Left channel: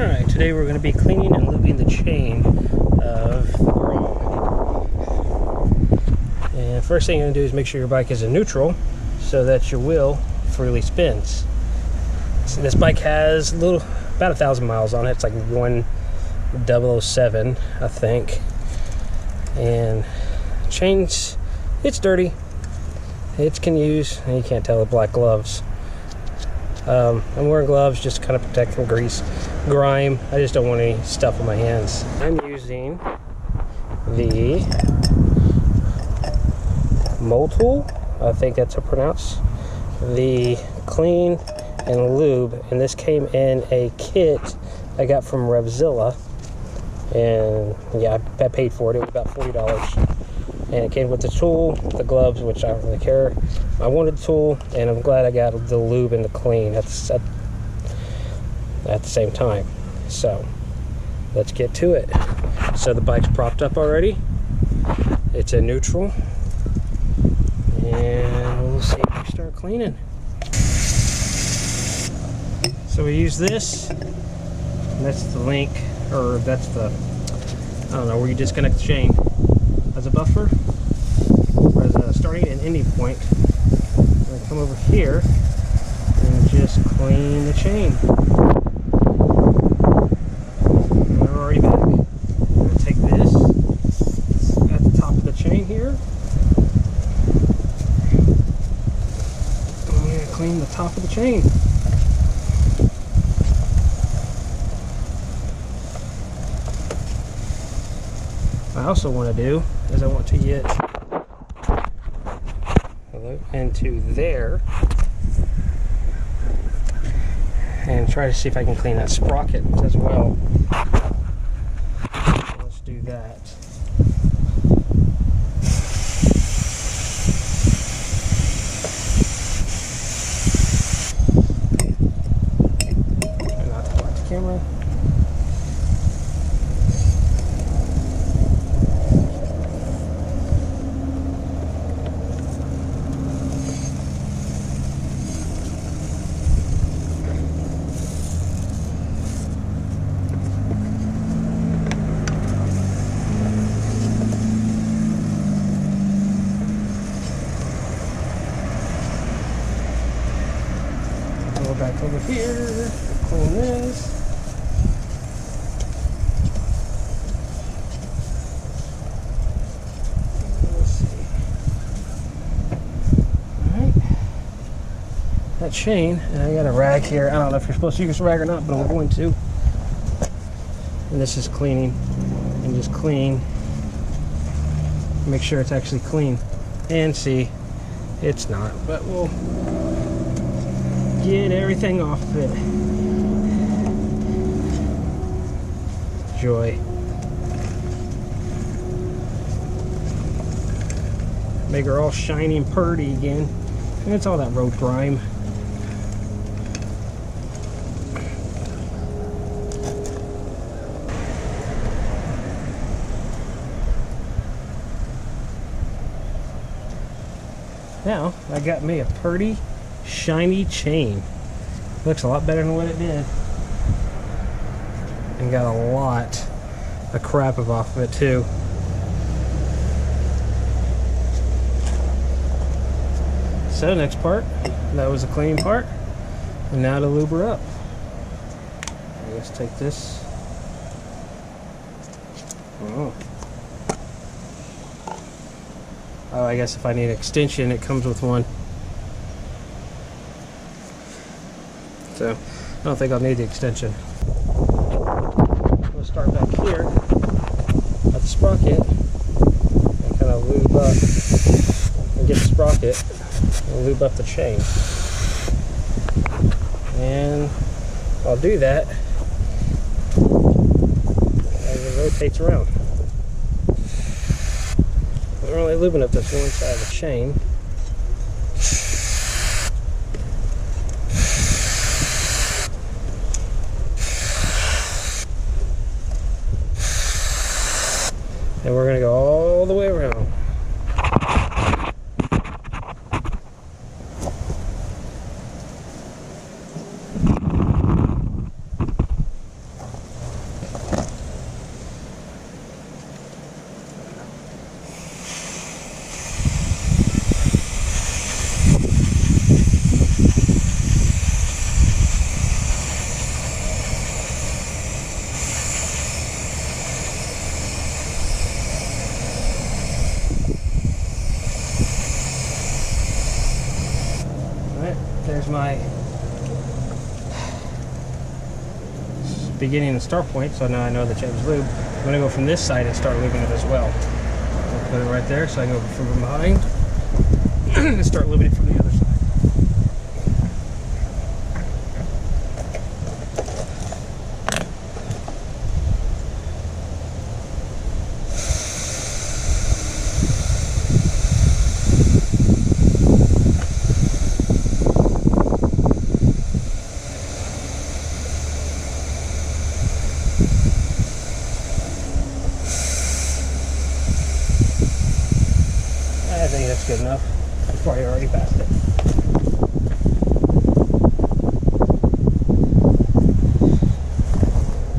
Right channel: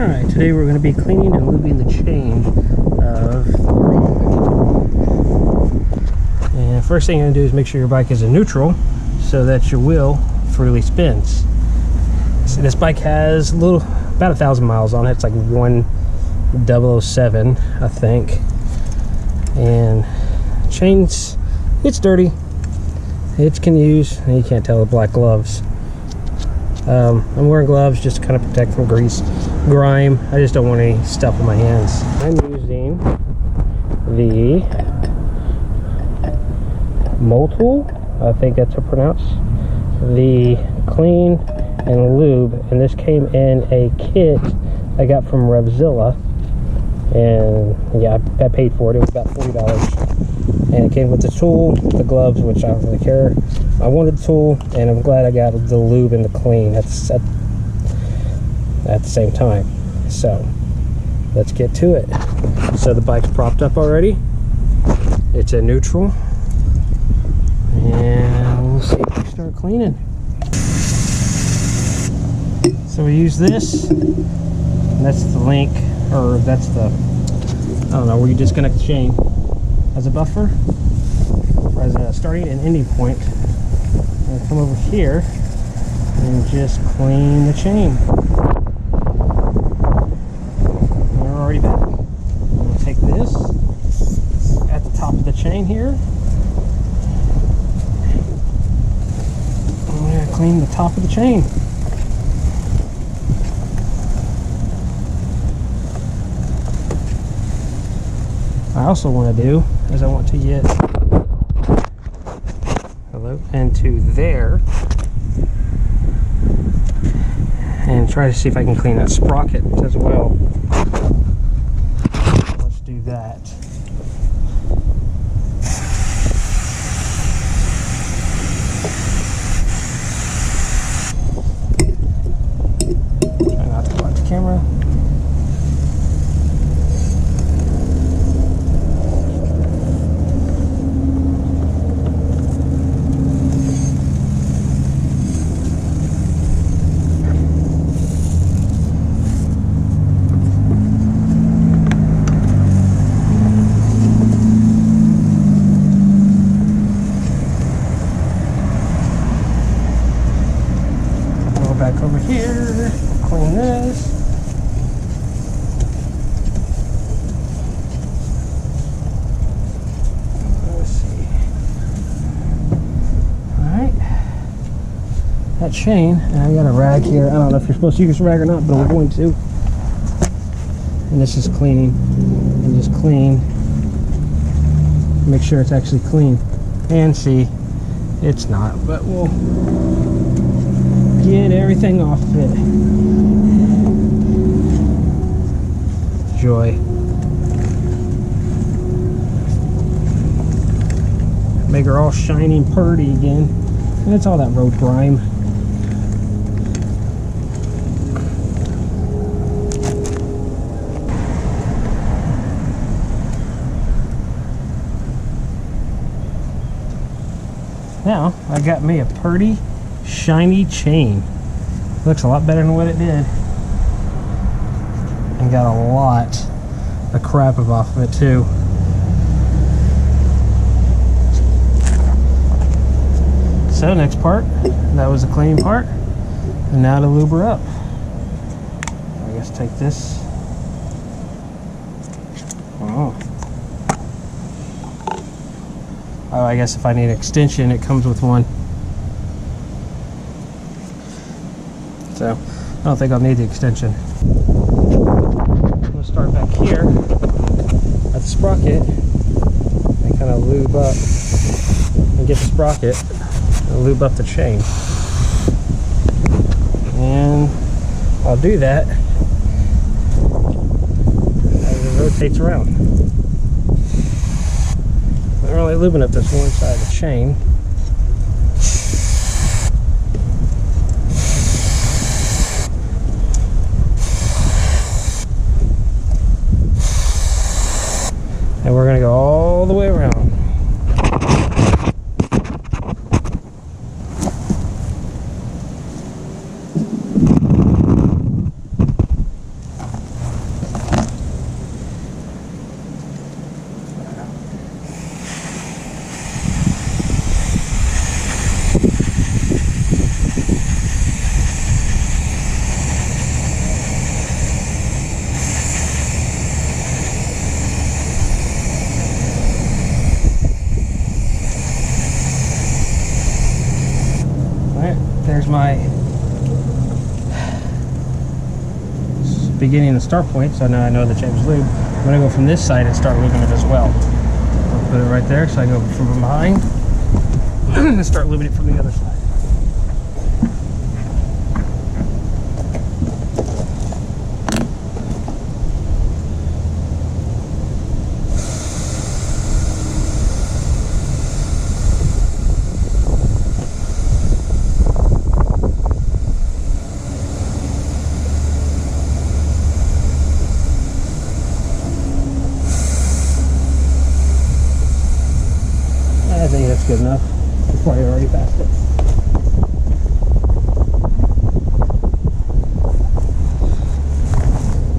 Alright, today we're going to be cleaning and lubing the chain of the Grom. And first thing you're going to do is make sure your bike is in neutral so that your wheel freely spins. So this bike has about 1,000 miles on it. It's like 1007, I think. And chains, it's dirty. It can use, and you can't tell the black gloves. I'm wearing gloves just to kind of protect from grease, grime. I just don't want any stuff on my hands. I'm using the Motul, I think that's how it's pronounced, the clean and lube, and this came in a kit I got from Revzilla, and yeah, I paid for it. It was about $40. And it came with the tool, the gloves, which I don't really care. I wanted the tool, and I'm glad I got the lube and the clean at the same time. So let's get to it. So the bike's propped up already. It's in neutral, and we'll see if we start cleaning. So we use this, and that's the link, or that's the, I don't know, where you disconnect the chain as a buffer, or as a starting and ending point. I'm going to come over here and just clean the chain. And we're already back. I'm going to take this at the top of the chain here. I'm going to clean the top of the chain. I also want to do is I want to get into there and try to see if I can clean that sprocket as well. Let's do that. Try not to block the camera. Over here, clean this. Let's see. Alright. That chain, and I got a rag here. I don't know if you're supposed to use a rag or not, but we're going to. And this is cleaning. And just clean. Make sure it's actually clean. And see, it's not, but we'll get everything off of it. Joy. Make her all shiny and purty again. And it's all that road grime. Now, I got me a purty, shiny chain. Looks a lot better than what it did. And got a lot of crap off of it too. So next part, that was the cleaning part. And now to lube her up. I guess take this. Oh, I guess if I need an extension, it comes with one. So I don't think I'll need the extension. I'm going to start back here at the sprocket and kind of lube up and get the sprocket and lube up the chain. And I'll do that as it rotates around. I'm really lubing up this one side of the chain. And we're going to go all the way around. There's my beginning and start point, so now I know the change lube. I'm going to go from this side and start lubing it as well. I'll put it right there so I can go from behind and start lubing it from the other side. Good enough before I already passed it.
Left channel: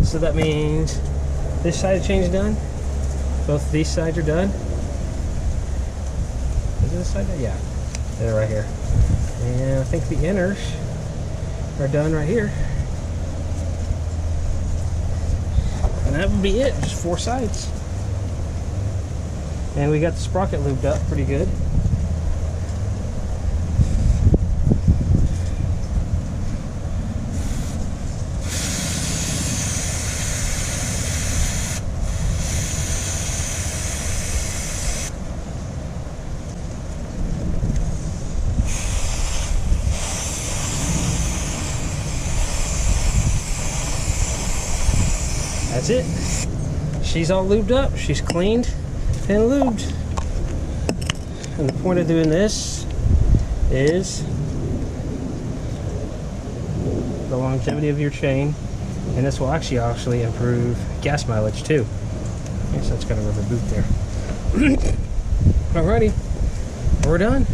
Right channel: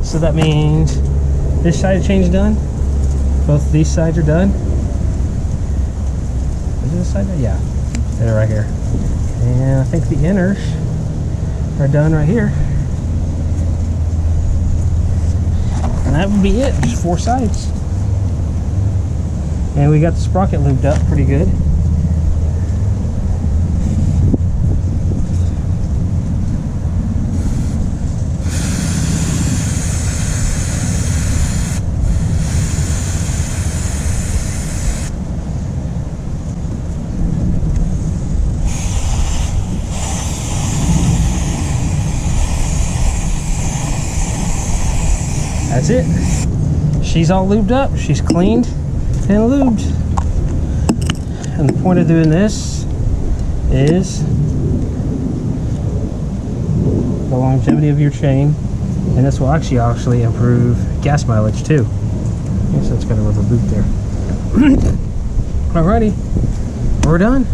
So that means this side of change done. Both these sides are done. Is this side? Yeah, they're right here. And I think the inners are done right here. And that would be it. Just 4 sides. And we got the sprocket lubed up pretty good. That's it. She's all lubed up. She's cleaned and lubed. And the point of doing this is the longevity of your chain, and this will actually improve gas mileage too. I guess that's got a rubber boot there. Alrighty, we're done.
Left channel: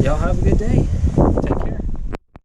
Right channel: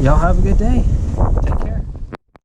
Y'all have a good day. Take care.